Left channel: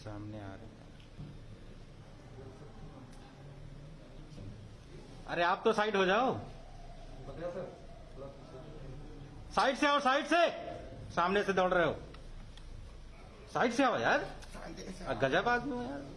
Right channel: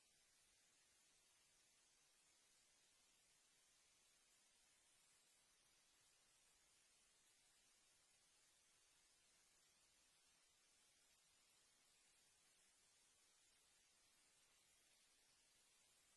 सामने आ रहे हैं। अरे आप तो साइड हो जाओ, साइड से आओ, साइड से, सामने से दौड़ रहे हो, साइड से आओ यार, गजब आदमी हो यार।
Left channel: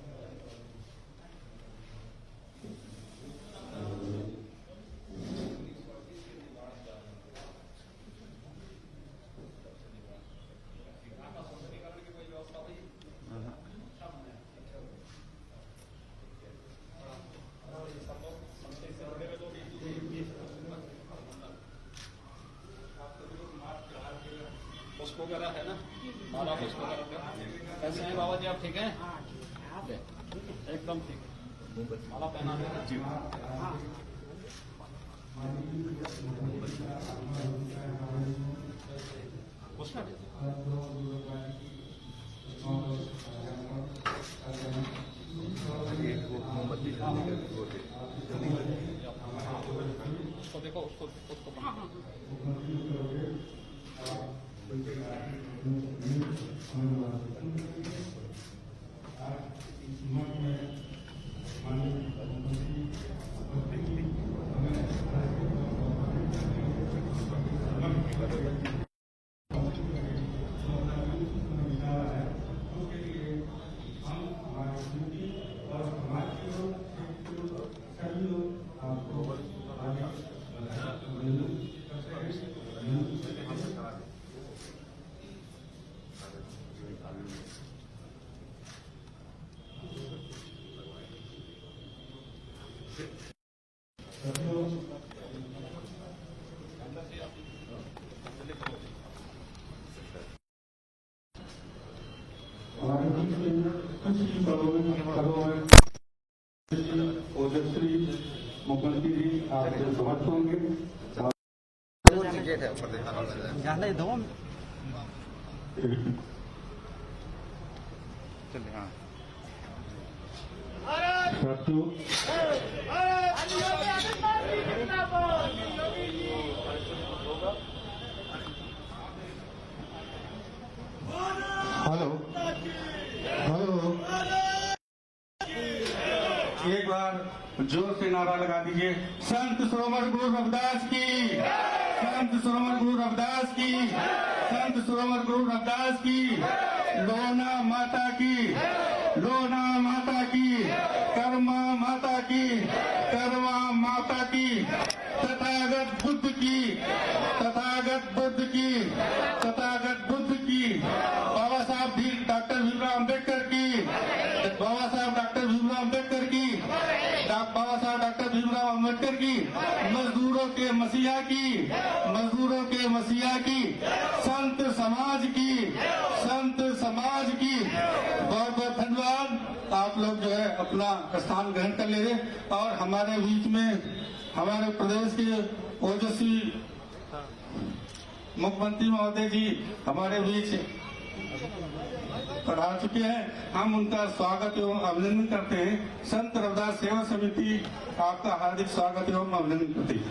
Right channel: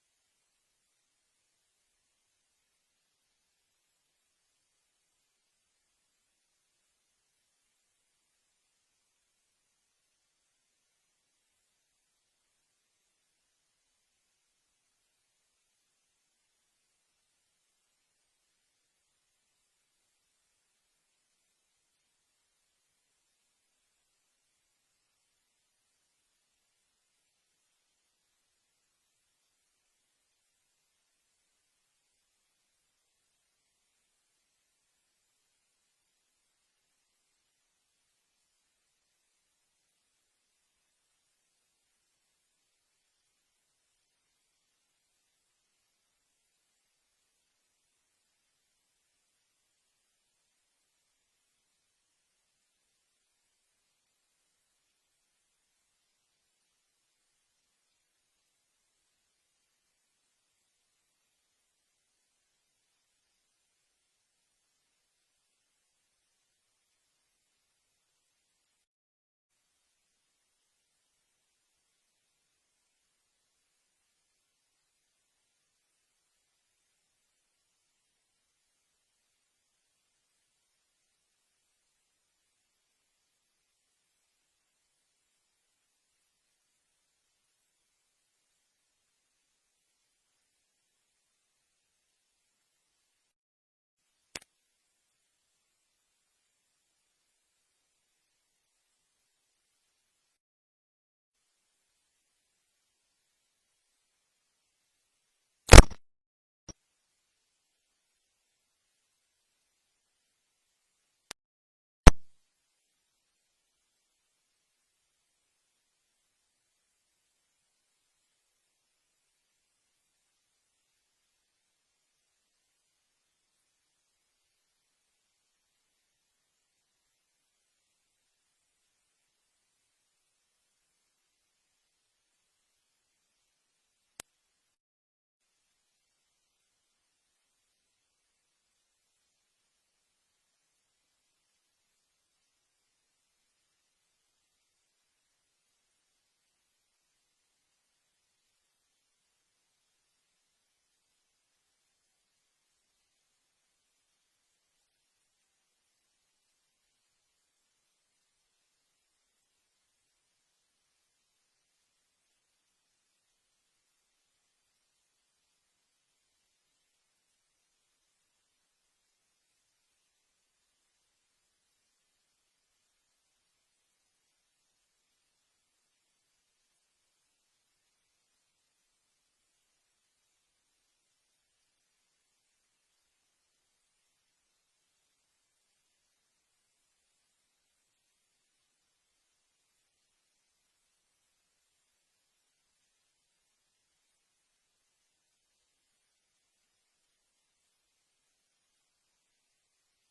वगैरह है ना, माला पुष्प कैसे हैं बाबा जी, आप ठीक हैं? एकदम ठीक, माला पहना है जी। उसको देखो, उसको ओजस्वी मुख्यमंत्री जी आपसे समर्थ होंगे। हेलो हेलो, एक बार जोर से नारा लगा दीजिए, संत सरोवर गुरु रविदास की, संत सरोवर गुरु रविदास की, संत सरोवर गुरु रविदास की, लोना माता की, लोना माता की, कर्मा माता की, कर्मा माता की, तथागत बुद्ध की, तथागत बुद्ध की, तथागत बुद्ध की, बाबा साहब डॉक्टर भीमराव अम्बेडकर की, बाबा साहब डॉक्टर भीमराव अम्बेडकर की, बाबा साहब डॉक्टर भीमराव अम्बेडकर की, मजदूरों के मसीहा की, मजदूरों के मसीहा की, संत समाज की, संत समाज की। बहुत बहुत धन्यवाद। आप लोग जो है अपना स्थान ग्रहण कर ले रहे, और हमारे बीच में हमारे प्रदेश के ओजस्वी मुख्यमंत्री महोदय जी हमारे बीच पढ़ा चुके हैं। हम उनका स्वागत एवं अभिनंदन करते हैं। संत रविदास सेवा समिति आपका हार्दिक स्वागत एवं अभिनंदन करती है।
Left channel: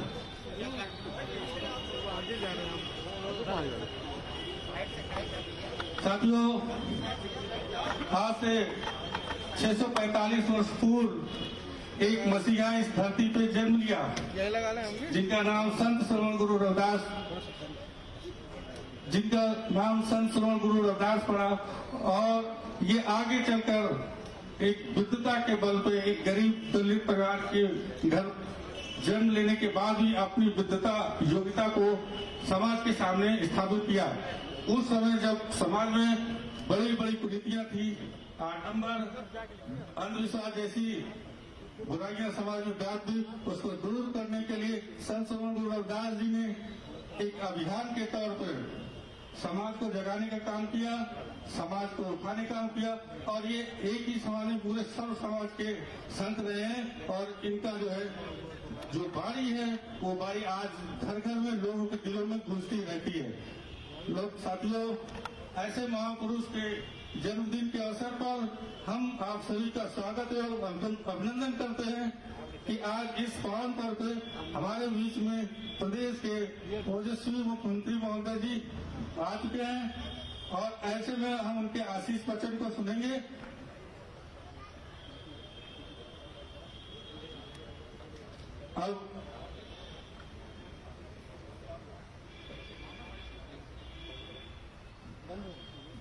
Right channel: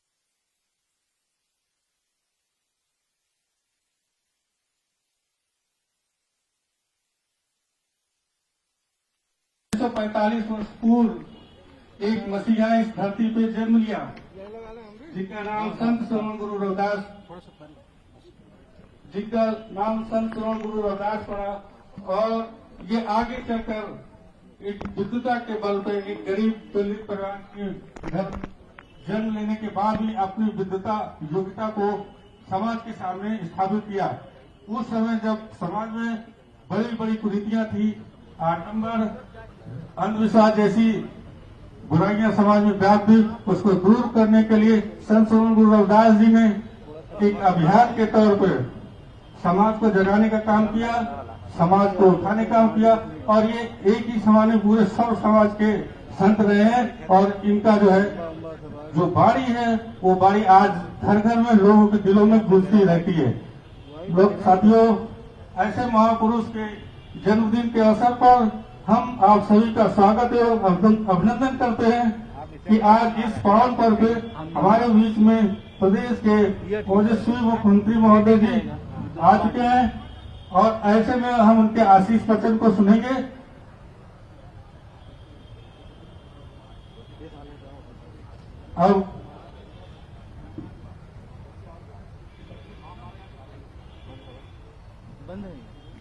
साथियों, आज से 645 वर्ष पूर्व एक मसीहा इस धरती पे जन्म लिया, जिनका नाम संत श्रवण गुरु रविदास, जिनका नाम संत श्रवण गुरु रविदास पड़ा, और ये आगे चलकर एक विद्वता के बल पे एक गरीब दलित परिवार के घर जन्म लेने के बाद भी अपनी विद्वता योग्यता को समाज के सामने स्थापित किया। उस समय जब समाज में बड़ी बड़ी कुरीतियां थी, आडंबर, अंधविश्वास जैसी बुराइयां समाज में व्याप्त थी, उसको दूर करने के लिए संत श्रवण गुरु रविदास जी ने एक अभियान के तौर पर समाज को जगाने का काम किया, समाज को उठाने का काम किया, और ये एक ही समाज में पूरे सर्व समाज के संत रहे हैं। और इनका जो है जो बाणी है, वो बाणी आज घर घर में लोगों के दिलों में गूंजती रहती है। लोग साथियों, ऐसे महापुरुष के जन्मदिन के अवसर पर हम आप सभी का स्वागत एवं अभिनंदन करते हैं कि आज इस पावन पर्व पे हमारे बीच में प्रदेश के ओजस्वी मुख्यमंत्री महोदय जी आ चुके हैं, और ऐसे में हम उनके आशीष वचन को सुनेंगे। अब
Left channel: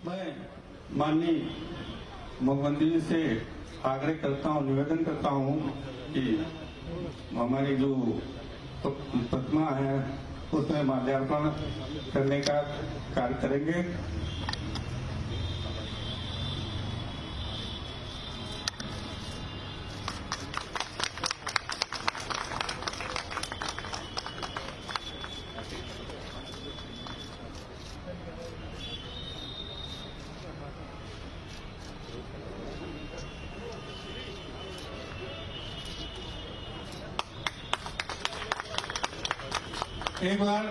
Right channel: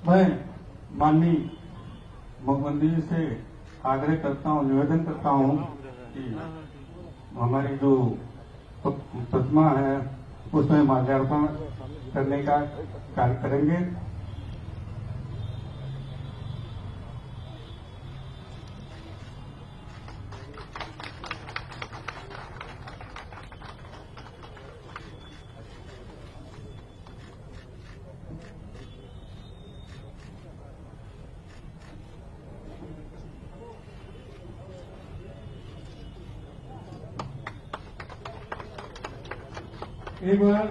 मैं माननीय मुख्यमंत्री जी से आग्रह करता हूँ, निवेदन करता हूँ कि हमारी जो प्रतिमा है उसमें माल्यार्पण करने का कार्य करेंगे। एक बार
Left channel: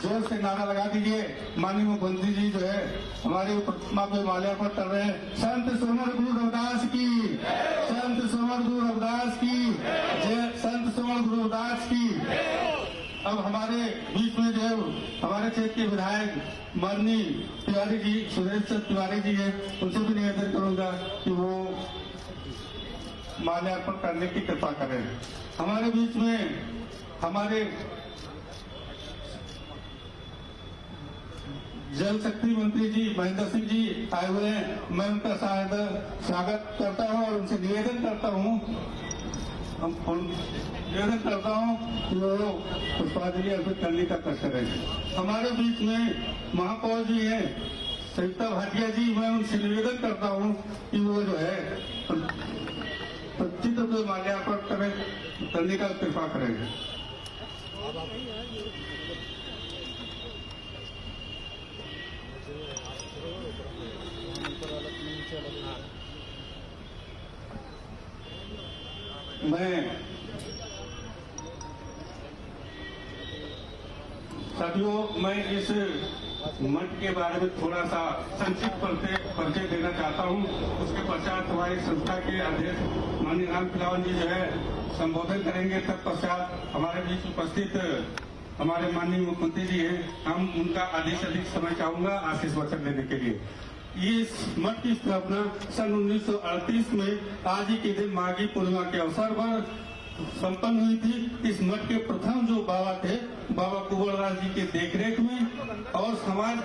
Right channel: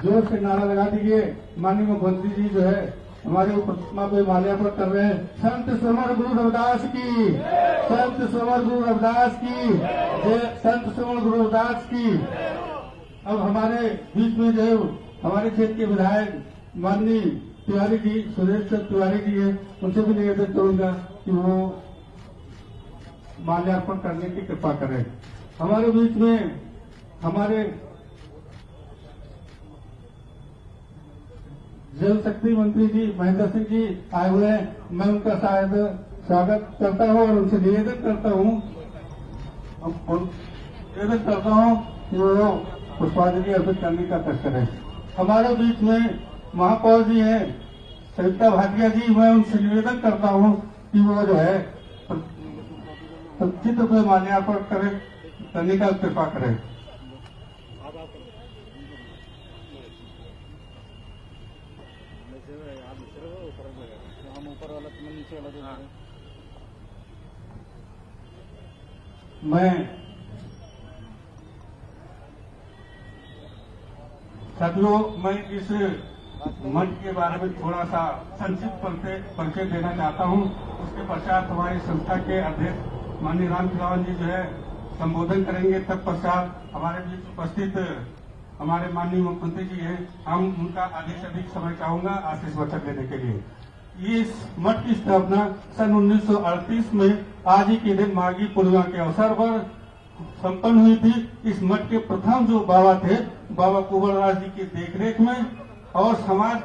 जोर से नारा लगा दीजिए। माननीय मुख्यमंत्री जी जो है हमारे प्रतिमा पे माल्यार्पण कर रहे हैं। संत समर गुरु रविदास की, संत समर गुरु रविदास की जय, संत समर गुरु रविदास की। अब हमारे बीच में जो हमारे क्षेत्र के विधायक माननीय तिवारी जी, सुरेश चंद्र तिवारी जी है, उनसे भी निवेदन करूंगा कि वो माल्यार्पण करने की कृपा करें। हमारे बीच में हमारे जल शक्ति मंत्री जी महेंद्र सिंह जी आए हुए हैं। मैं उनका शायद स्वागत करता हूं और उनसे निवेदन करता हूं कि वो पुष्पांजलि अर्पित करने का कष्ट करें। हमारे बीच में महापौर जी हैं सविता भाटिया जी, मैं उनसे निवेदन करता हूं कि वो जो है चित्र पे माल्यार्पण करने का कृपा करें। मैं साथियों, मैं इस मठ के बारे में थोड़ा सा संक्षिप्त परिचय देना चाहता हूं। उसके पश्चात हमारी संस्था के अध्यक्ष माननीय राम खिलावन जी जो है संबोधन करेंगे। तत्पश्चात हमारे बीच उपस्थित हमारे माननीय मुख्यमंत्री जी हैं, हम उनका अधिक से अधिक समय चाहूंगा आशीष वचन देने के लिए। इस मठ की स्थापना सन 1938 में आज ही के दिन माघी पूर्णिमा के अवसर पर संपन्न हुई थी। इस मठ के प्रथम जो बाबा थे, बाबा कुंवरराज जी के देखरेख में और समाज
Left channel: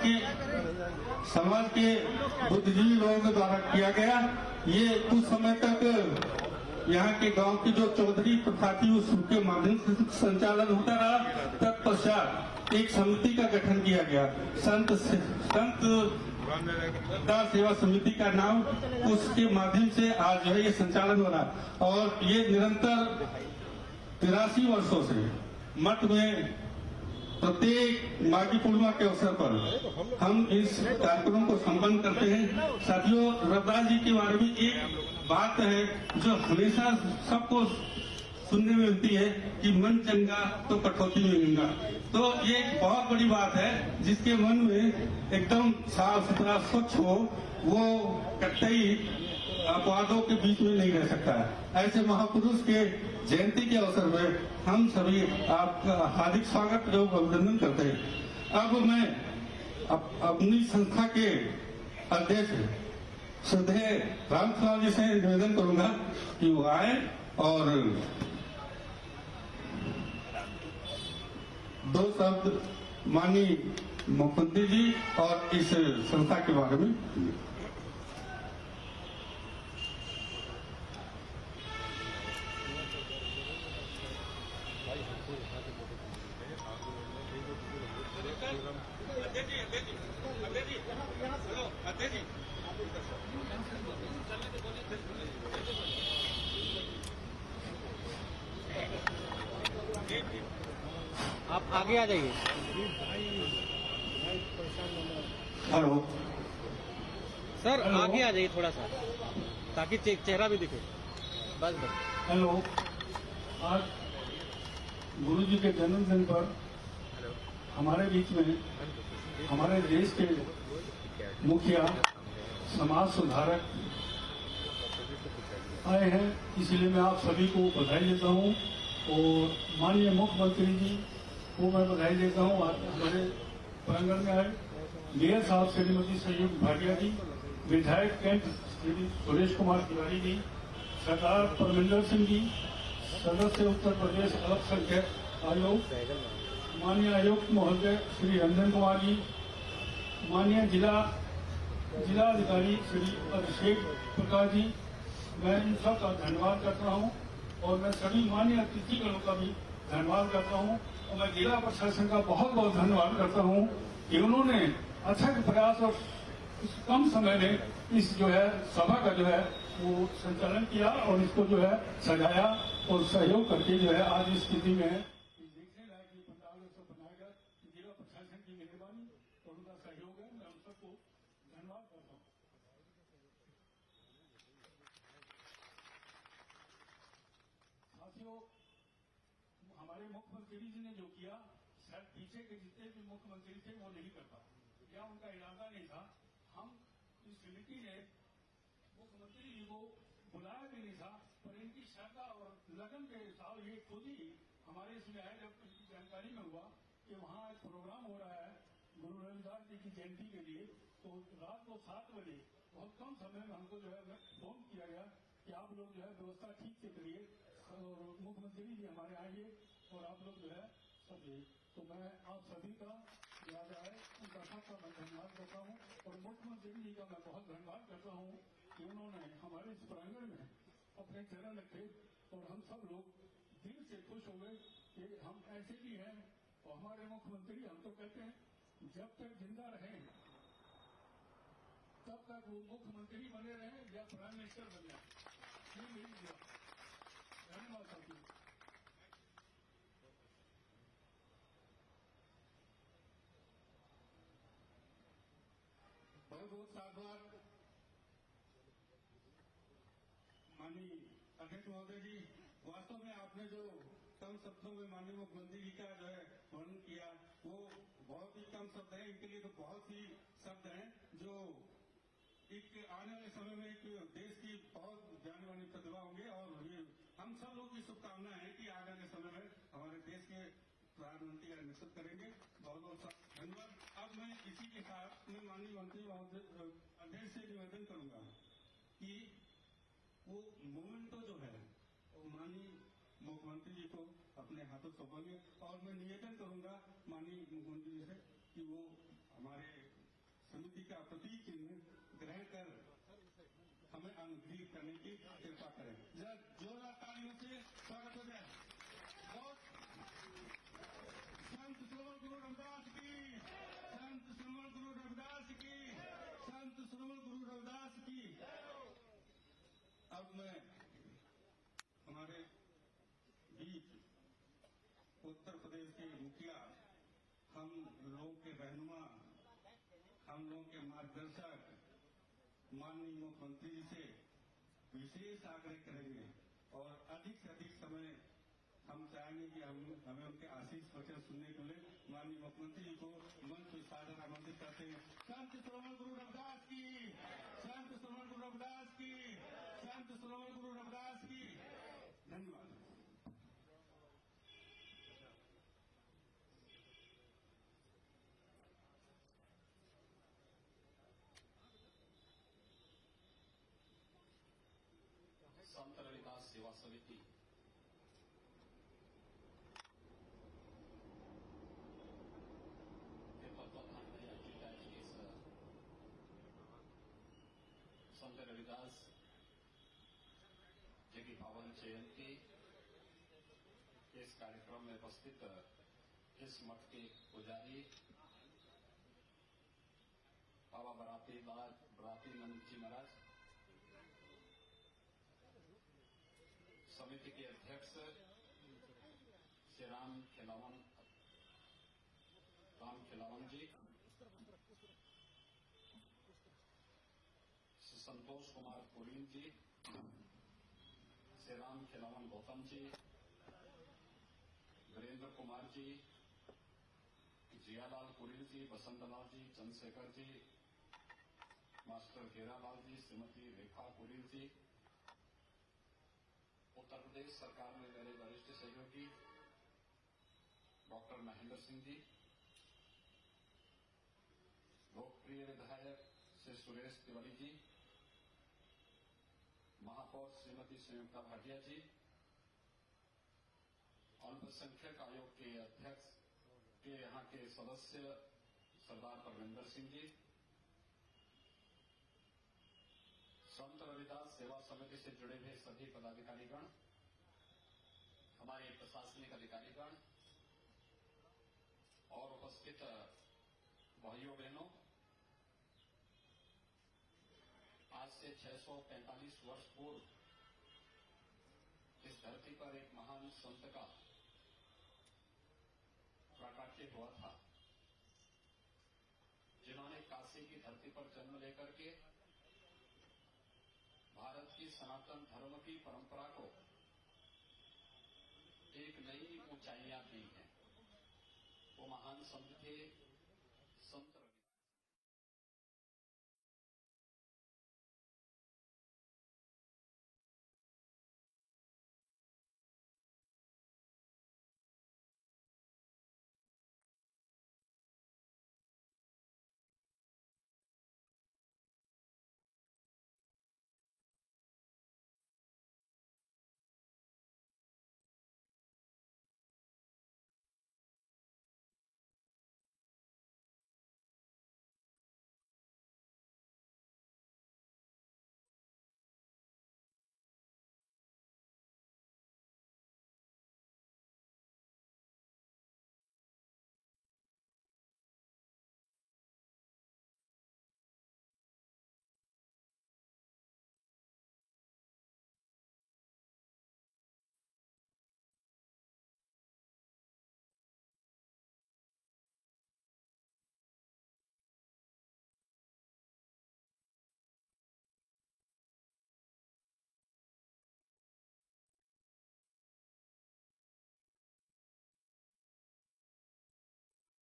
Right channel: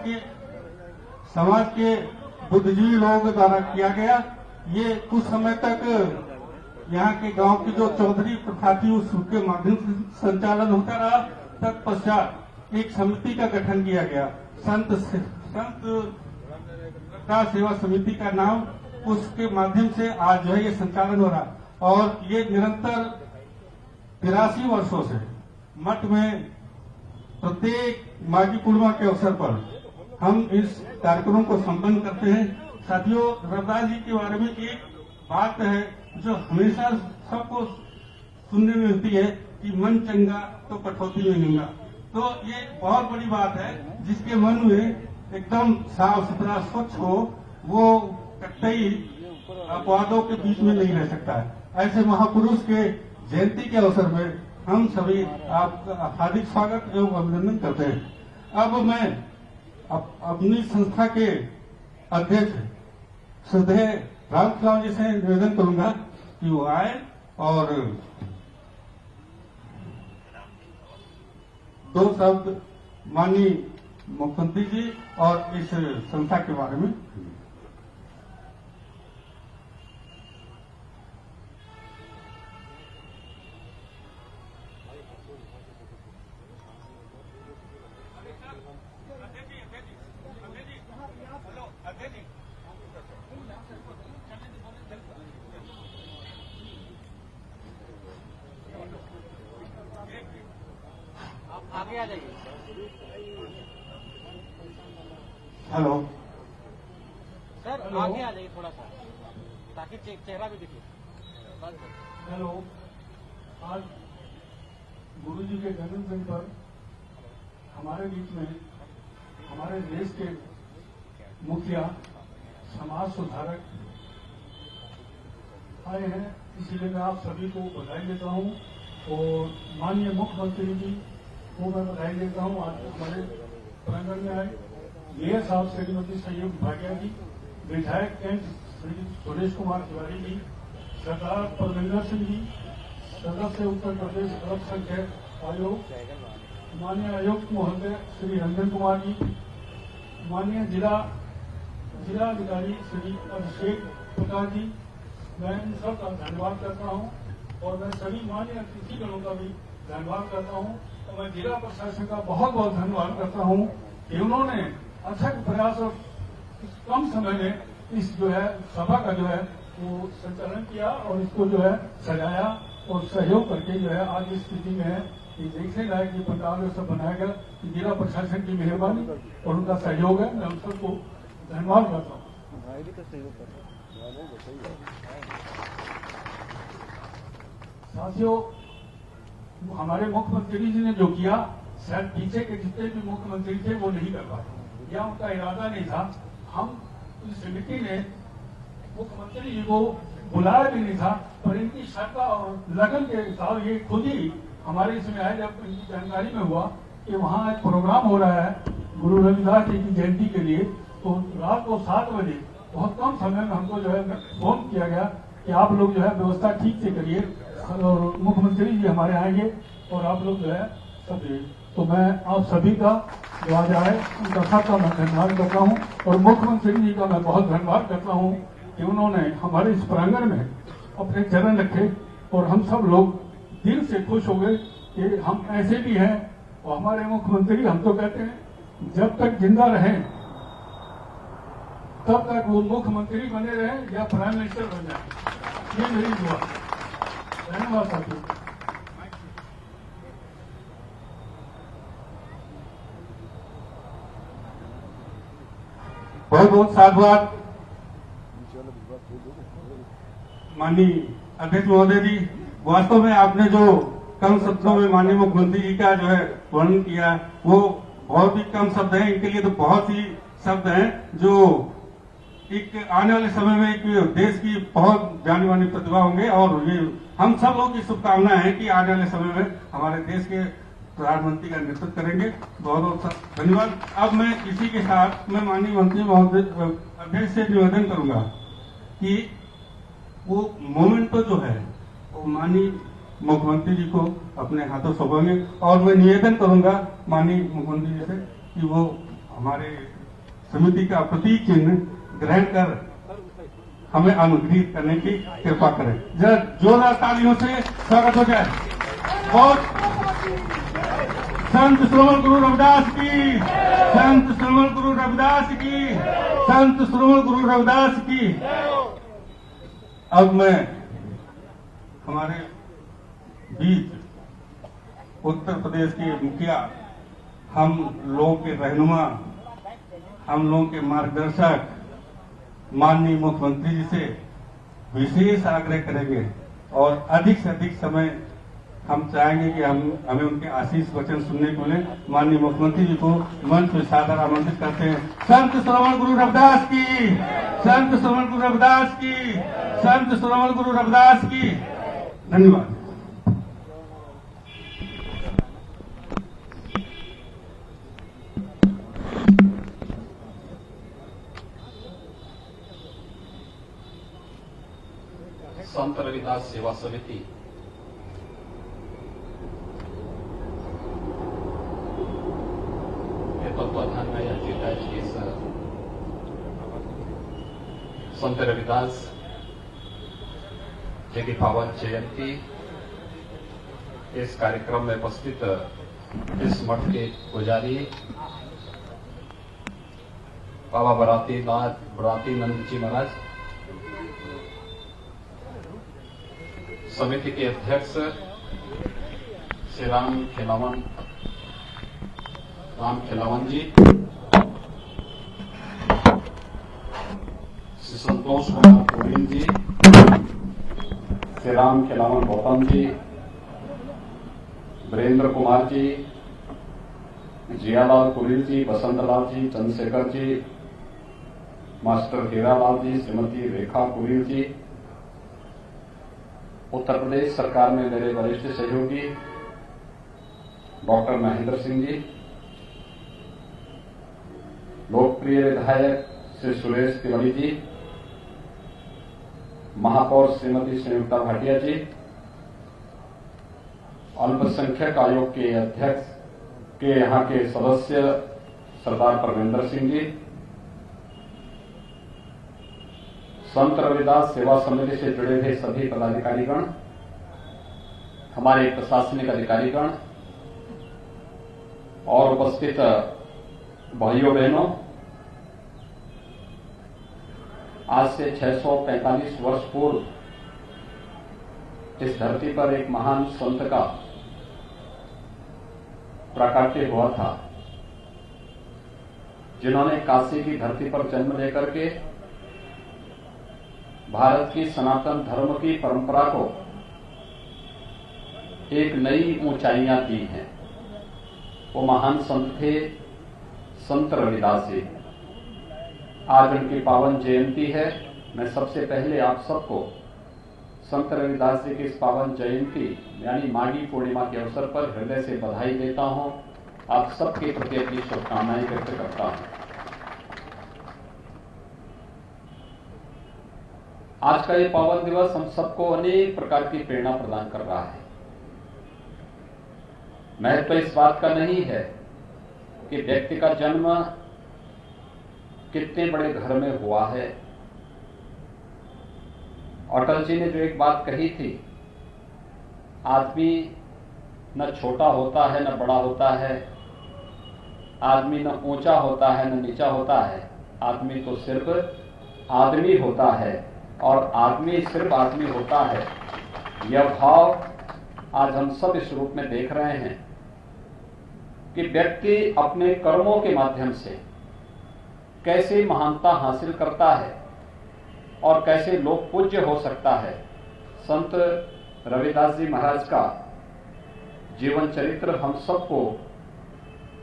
के बुद्धिजीवी लोगों द्वारा किया गया। ये कुछ समय तक यहाँ के गांव की जो चौधरी प्रथा थी उसके माध्यम से संचालन होता रहा। तत्पश्चात एक समिति का गठन किया गया, संत दास सेवा समिति का नाम, उसके माध्यम से आज जो है ये संचालन हो रहा। और ये निरंतर 83 वर्षों से मठ में प्रत्येक माघी पूर्णिमा के अवसर पर हम इस कार्यक्रम को संपन्न करते हैं। साथियों, रविदास जी के बारे में एक बात है जो हमेशा सबको सुनने में मिलती है कि मन चंगा तो कटौती में गंगा। तो ये एक बहुत बड़ी बात है, जिसके मन में एकदम साफ सुथरा स्वच्छ हो वो कतई अपवादों के बीच में नहीं रह सकता है। ऐसे महापुरुष के जयंती के अवसर में हम सभी आपका हार्दिक स्वागत एवं अभिनंदन करते हैं। अब मैं अपनी संस्था के अध्यक्ष श्रद्धेय राम खिलावन जी से निवेदन करूंगा कि वो आए और दो शब्द माननीय मुख्यमंत्री जी और इस संस्था के बारे में। आप आगे आ जाइए। हेलो सर, आगे आ जाइए थोड़ा सा ताकि चेहरा भी दिखे। बस बस। हेलो, आज गुरु जी के जन्मदिन पर हमारे बीच में हमारे देश के मुखिया समाज सुधारक आए हैं, इसीलिए मैं आप सभी को बधाई देता हूं और माननीय मुख्यमंत्री जी को मैं बधाई देता हूं। आज हमारे प्रांगण में आए मेयर साहब श्रीमती संयुक्त भाटिया जी, विधायक कैंट श्री सुरेश कुमार तिवारी जी, सरदार परमिंदर सिंह जी, सदस्य उत्तर प्रदेश अल्पसंख्यक आयोग, माननीय आयुक्त महोदय श्री रंजन कुमार जी, माननीय जिलाधिकारी श्री अभिषेक प्रकाश जी, मैं इन सब का धन्यवाद करता हूं और मैं सभी माननीय अतिथिगणों का भी धन्यवाद करता हूं और मैं जिला प्रशासन का बहुत बहुत धन्यवाद करता हूं कि उन्होंने अथक प्रयास और कम समय में इस जो है सभा का जो है वो संचालन किया और इसको जो है सजाया और सहयोग करके जो है आज इस स्थिति में है। ये देखने लायक ये पंडाल जो सब बनाया गया, जिला प्रशासन की मेहरबानी और उनका सहयोग है। मैं उन सबको धन्यवाद करता हूँ। साथियों, हमारे मुख्यमंत्री जी ने जो किया, शायद पीछे के जितने भी मुख्यमंत्री थे वो नहीं कर पाए या उनका इरादा नहीं था। हम इस समिति ने मुख्यमंत्री जी को बुलाया भी नहीं था, पर इनकी श्रद्धा और लगन के साथ ये खुद ही हमारे इसमें आए जब इनकी जानकारी में हुआ कि वहाँ एक प्रोग्राम हो रहा है गुरु रविदास जी की जयंती के लिए, तो रात को 7 बजे बहुत कम समय में हमको जो है फोन किया गया कि आप लोग जो है व्यवस्था ठीक से करिए और मुख्यमंत्री जी हमारे आएंगे और आप लोग जो है सब। तो मैं आप सभी का जो आज आए उनका सबका मैं धन्यवाद करता हूँ और मुख्यमंत्री जी का मैं बहुत धन्यवाद करता हूँ कि उन्होंने हमारे इस प्रांगण में अपने चरण रखे और हम सब लोग दिल से खुश हो गए कि हम ऐसे भी हैं। और हमारे मुख्यमंत्री हम तो कहते हैं जब तक जिंदा रहें तब तक वो मुख्यमंत्री बने रहें या प्राइम मिनिस्टर बन जाए, ये मेरी दुआ। धन्यवाद साथियों। बहुत बहुत साधुवाद माननीय अध्यक्ष महोदय जी। वास्तव में आपने जो कम शब्दों में माननीय मुख्यमंत्री जी का जो है वर्णन किया वो बहुत ही कम शब्द हैं, इनके लिए तो बहुत ही शब्द हैं जो एक आने वाले समय में एक देश की बहुत जानी मानी प्रतिभा होंगे और ये हम सब लोग की शुभकामना है कि आने वाले समय में हमारे देश के प्रधानमंत्री का नेतृत्व करेंगे। बहुत बहुत धन्यवाद। अब मैं इसी के साथ मैं माननीय मंत्री महोदय अध्यक्ष से निवेदन करूंगा कि वो मोमेंटो जो है वो माननीय मुख्यमंत्री जी को अपने हाथों सौंपेंगे और मैं निवेदन करूंगा माननीय मुख्यमंत्री जी से कि वो हमारे समिति का प्रतीक चिन्ह ग्रहण कर हमें अनुग्रहित करने की कृपा करें। जरा जोरदार तालियों से स्वागत हो जाए। बहुत संत श्रवण गुरु रविदास की, संत श्रवण गुरु रविदास की, संत श्रवण गुरु रविदास की। अब मैं हमारे बीच उत्तर प्रदेश के मुखिया, हम लोगों के रहनुमा, हम लोगों के मार्गदर्शक माननीय मुख्यमंत्री जी से विशेष आग्रह करेंगे और अधिक से अधिक समय हम चाहेंगे कि हमें उनके आशीष वचन सुनने को मिले। माननीय मुख्यमंत्री जी को मंच में सादर आमंत्रित करते हैं। संत श्रवण गुरु रविदास की, संत श्रवण गुरु रविदास की, संत श्रवण गुरु रविदास की। धन्यवाद। संत रविदास सेवा समिति के तत्वाधान में आयोजित आज की इस संत रविदास जी की पावन जयंती इस कार्यक्रम में उपस्थित इस मठ के पुजारी बाबा बराती नंद जी महाराज, समिति के अध्यक्ष श्री राम खिलावन जी, श्री संतोष कुमार गोविंद जी, श्री राम खिलावन गौतम जी, वीरेंद्र कुमार जी, जियालाल कुरील जी, बसंतलाल जी, चंद्रशेखर जी, मास्टर हीरालाल जी, श्रीमती रेखा कुरील जी, उत्तर प्रदेश सरकार में मेरे वरिष्ठ सहयोगी डॉक्टर महेंद्र सिंह जी, लोकप्रिय विधायक श्री सुरेश तिवारी जी, महापौर श्रीमती संयुक्ता भाटिया जी, अल्पसंख्यक आयोग के अध्यक्ष के यहाँ के सदस्य सरदार परमेंद्र सिंह जी, संत रविदास सेवा समिति से जुड़े हुए सभी पदाधिकारीगण, हमारे प्रशासनिक अधिकारीगण और उपस्थित भाइयों बहनों, आज से 645 वर्ष पूर्व इस धरती पर एक महान संत का प्राकट्य हुआ था, जिन्होंने काशी की धरती पर जन्म लेकर के भारत की सनातन धर्म की परंपरा को एक नई ऊंचाइयां दी हैं। वो महान संत थे संत रविदास जी। आज उनकी पावन जयंती है। मैं सबसे पहले आप सबको संत रविदास जी की इस पावन जयंती यानी माघी पूर्णिमा के अवसर पर हृदय से बधाई देता हूं। आप सबके प्रति अपनी शुभकामनाएं व्यक्त करता हूं। आज का ये पावन दिवस हम सबको अनेक प्रकार की प्रेरणा प्रदान कर रहा है। महत्व इस बात का नहीं है कि व्यक्ति का जन्म कितने बड़े घर में हुआ है। अटल जी ने जो एक बात कही थी, आदमी न छोटा होता है न बड़ा होता है, आदमी न ऊंचा होता है न नीचा होता है, आदमी तो सिर्फ आदमी होता है और आदमी सिर्फ आदमी होता है। यह भाव आज हम सब इस रूप में देख रहे हैं कि व्यक्ति अपने कर्मों के माध्यम से कैसे महानता हासिल करता है और कैसे लोक पूज्य हो सकता है। संत रविदास जी महाराज का जीवन चरित्र हम सबको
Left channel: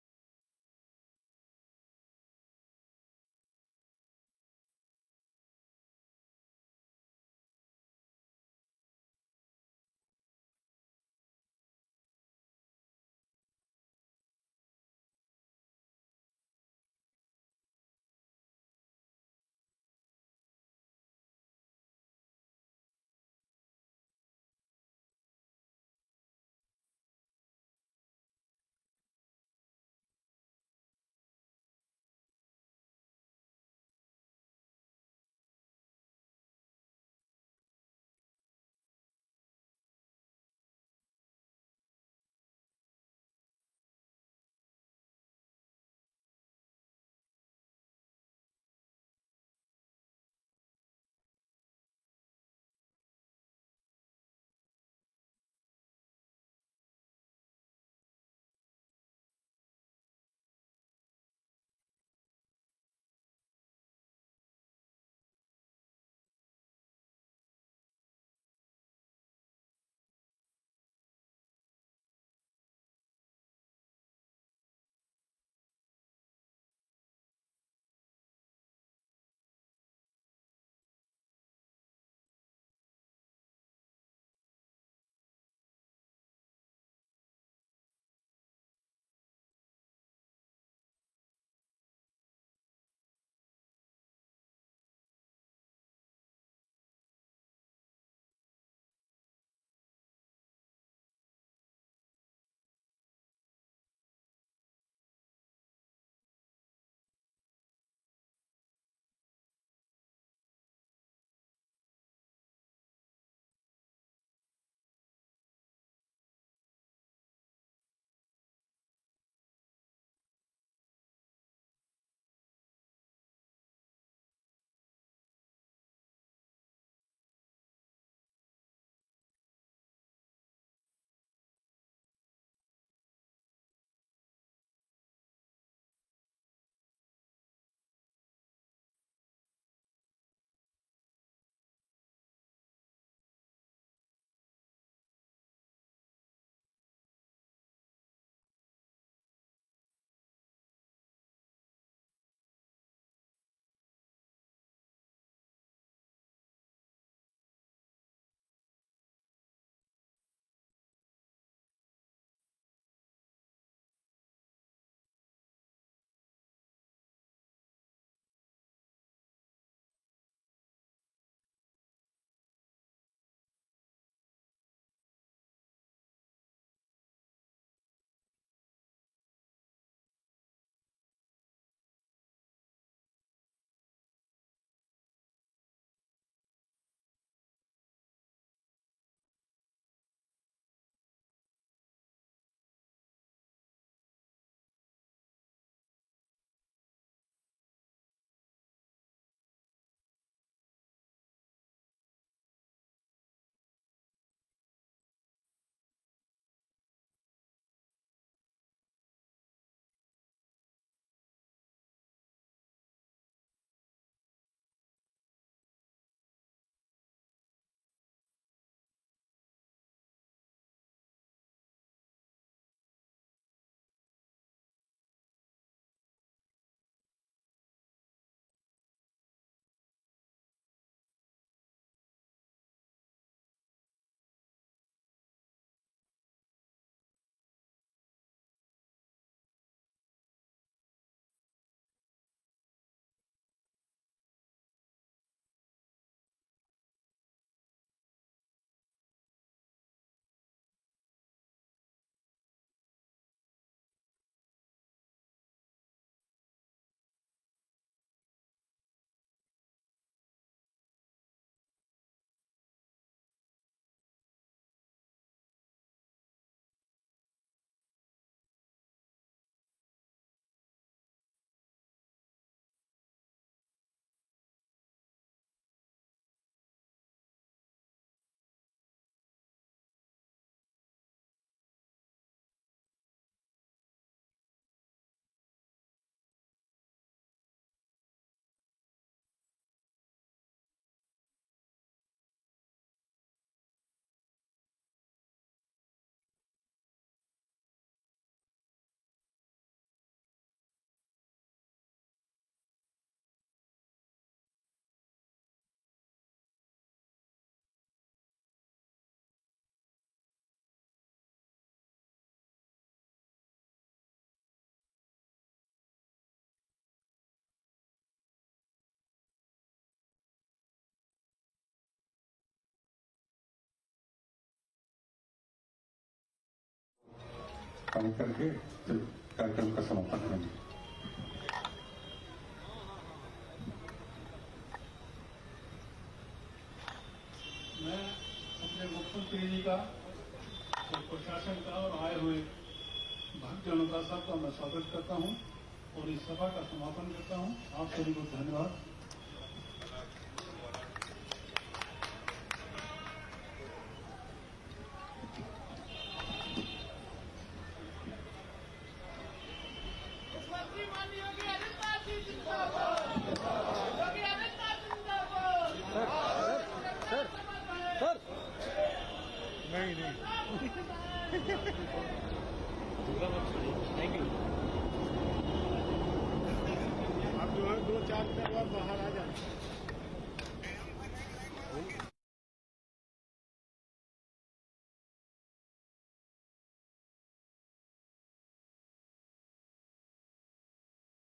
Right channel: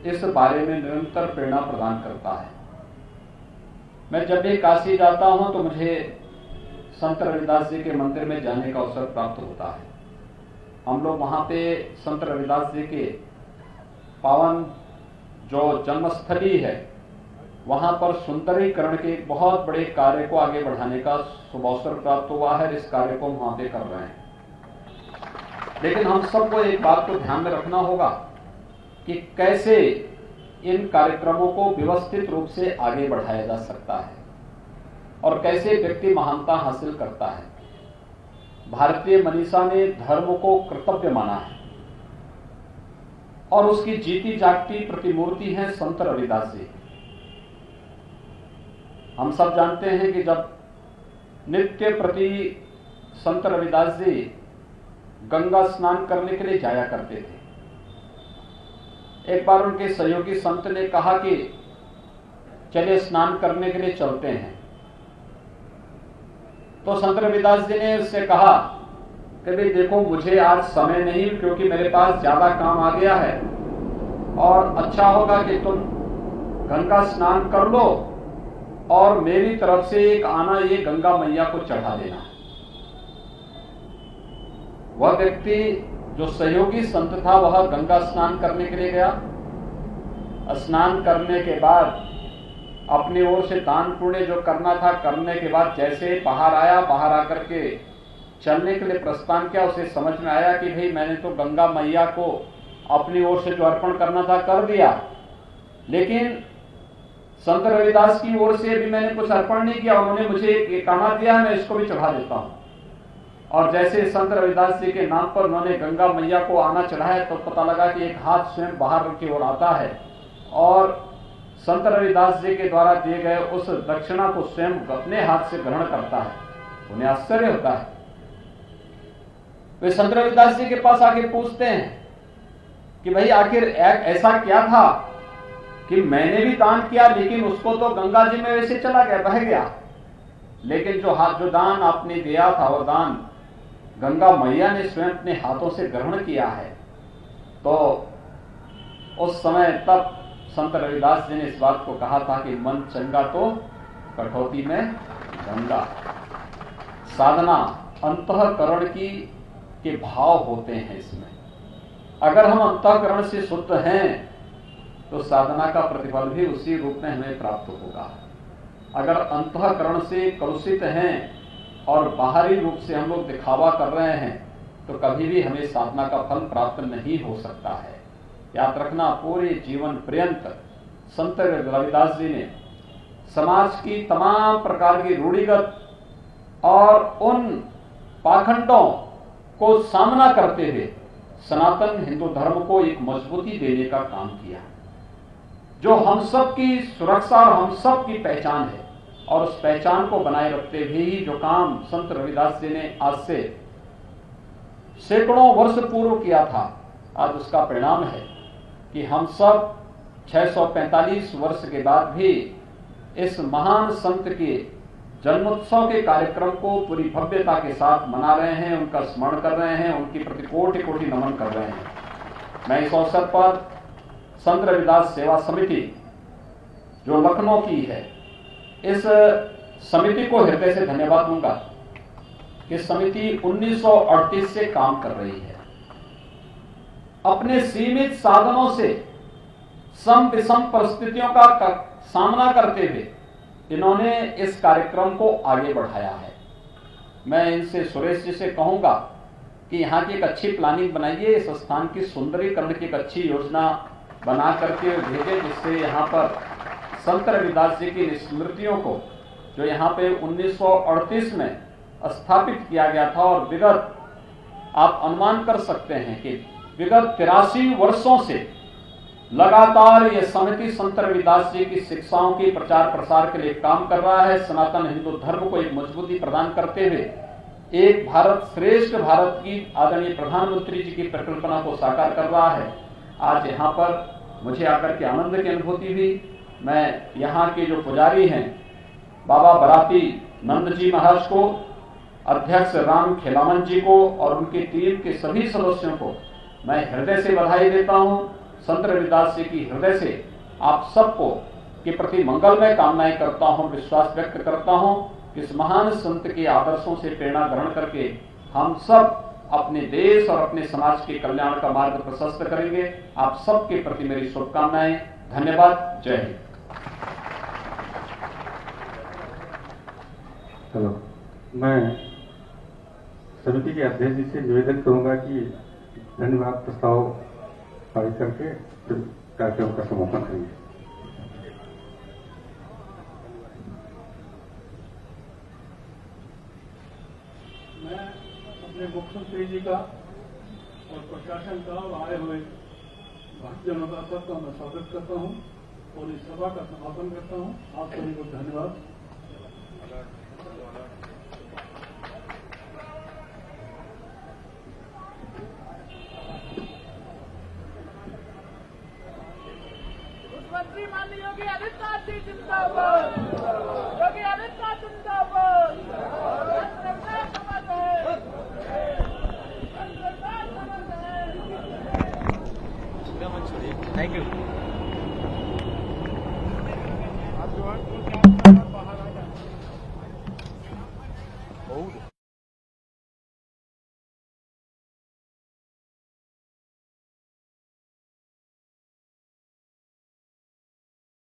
इस बारे में निरंतर प्रेरणा प्रदान करता है। मैं जब भी काशी जाता हूं तो मुझे संत रविदास जी के मंदिर में जाने का अवसर प्राप्त होता है। हम लोग वहां पे संत रविदास जी के पावन जो जन्मस्थली है वहां पर सुंदरीकरण के एक बहुत बड़े कार्य को आगे बढ़ाने का शुभ अवसर प्राप्त हुआ है। इस कार्य को हम वहां पे कर रहे हैं। लेकिन हम सबको एक बात को ध्यान में रखना होगा कि कैसे इन कार्यक्रमों को व्यवस्थित रूप से आगे बढ़ाया जा सकता है और कैसे व्यक्ति महानता हासिल करता है। भारतीय मनीषा ने धर्म को कर्तव्य माना है और उसकी जीती जागती प्रतिमूर्ति है संत रविदास जी। हम सब जानते हैं कि जब नित्य प्रति संत रविदास जी गंगा स्नान करने के लिए जाया करते थे। एक बार उनके सहयोगी संत ने कहा कि चलिए स्नान करने के लिए चलते हैं। तो संत रविदास जी ने उससे कहा कि भाई देखो, मुझे आज समय नहीं क्योंकि मेरे पास ज्यादा काम आ गया है और अच्छा होगा कि तुम गंगा स्नान कर लो और मेरी तरफ से एक आना ये गंगा मैया को चढ़ा देना। वह व्यक्ति जो सहयोगी संत था वह गंगा स्नान करने के लिए गया। स्नान करने के बाद अपनी ओर से दान पुण्य जो करना था करने के बाद जैसे बाहर आया, बाहर आकर के चलने के लिए प्रस्थान किया, उसे समझ में आया कि भाई मैंने तो गंगा मैया को अपनी ओर से जो अर्पण करना था कर दिया, लेकिन संत रविदास की ओर से भी मैंने कुछ अर्पण नहीं किया। उन्होंने मुझे एक आना दिया, मैं इसको भी चढ़ा देता हूं। और जैसे संत रविदास जी के नाम पर उन्होंने गंगा मैया को आना चढ़ाया तो पता लगा कि एक हाथ स्वयं बाहर की ओर आता है और संत रविदास जी के द्वारा दिए गए उस दक्षिणा को स्वयं अपने हाथ से ग्रहण करता है। उन्हें आश्चर्य होता है। वे संत रविदास जी के पास आके पूछते हैं कि भाई आखिर ऐसा क्या था कि मैंने भी दान किया लेकिन उसको तो गंगा जी में वैसे चला गया, बह गया, लेकिन जो दान आपने दिया था वो दान गंगा मैया ने स्वयं अपने हाथों से ग्रहण किया है। तो उस समय तब संत रविदास जी ने इस बात को कहा था कि मन चंगा तो कठौती में गंगा। साधना अंतःकरण के भाव होते हैं इसमें। अगर हम अंतःकरण से शुद्ध हैं तो साधना का प्रतिफल भी उसी रूप में हमें प्राप्त होगा। अगर अंतःकरण से कलुषित हैं और बाहरी रूप से हम लोग दिखावा कर रहे हैं तो कभी भी हमें साधना का फल प्राप्त नहीं हो सकता है। याद रखना, पूरे जीवन पर्यंत संत रविदास जी ने समाज की तमाम प्रकार की रूढ़िगत और उन पाखंडों को सामना करते हुए सनातन हिंदू धर्म को एक मजबूती देने का काम किया, जो हम सब की सुरक्षा और हम सब की पहचान है। और उस पहचान को बनाए रखते हुए ही जो काम संत रविदास जी ने आज से सैकड़ों वर्ष पूर्व किया था, आज उसका परिणाम है कि हम सब 645 वर्ष के बाद भी इस महान संत के जन्मोत्सव के कार्यक्रम को पूरी भव्यता के साथ मना रहे हैं, उनका स्मरण कर रहे हैं, उनकी प्रति कोटि कोटि नमन कर रहे हैं। मैं इस अवसर पर संत रविदास सेवा समिति जो लखनऊ की है, इस समिति को हृदय से धन्यवाद दूंगा कि समिति 1938 से काम कर रही है। अपने सीमित साधनों से सम विषम परिस्थितियों का सामना करते हुए इन्होंने इस कार्यक्रम को आगे बढ़ाया है। मैं इनसे, सुरेश जी से कहूंगा कि यहाँ की एक अच्छी प्लानिंग बनाइए, इस स्थान की सुंदरीकरण की एक अच्छी योजना बना करके भेजे, जिससे यहाँ पर संत रविदास जी की स्मृतियों को, जो यहाँ पे 1938 में स्थापित किया गया था, और विगत आप अनुमान कर सकते हैं कि विगत 83 वर्षों से लगातार ये समिति संत रविदास जी की शिक्षाओं की प्रचार प्रसार के लिए काम कर रहा है। सनातन हिंदू धर्म को एक मजबूती प्रदान करते हुए एक भारत श्रेष्ठ भारत की आदरणीय प्रधानमंत्री जी की परिकल्पना को साकार कर रहा है। आज यहाँ पर मुझे आकर के आनंद की अनुभूति हुई। मैं यहाँ के जो पुजारी हैं, बाबा बराती नंद जी महाराज को, अध्यक्ष राम खेलावन जी को और उनकी टीम के सभी सदस्यों को मैं हृदय से बधाई देता हूं। संत रविदास जी की हृदय से आप सबको के प्रति मंगलमय कामनाएं करता हूं, विश्वास व्यक्त करता हूं कि इस महान संत के आदर्शों से प्रेरणा ग्रहण करके हम सब अपने देश और अपने समाज के कल्याण का मार्ग प्रशस्त करेंगे। आप सबके प्रति मेरी शुभकामनाएं। धन्यवाद। जय हिंद। हेलो, मैं समिति के अध्यक्ष जी से निवेदन करूंगा कि धन्यवाद प्रस्ताव पारित करके फिर कार्यक्रम का समापन करेंगे। मैं अपने मुख्यमंत्री जी का और प्रशासन का और आए हुए भक्तजनों का सबका मैं स्वागत करता हूं और इस सभा का समापन करता हूं। आप सभी को धन्यवाद। मुख्यमंत्री माननीय योगी आदित्यनाथ जी जिंदाबाद। योगी आदित्यनाथ जिंदाबाद। Thank you. आप 2-4 बाहर आ जाए।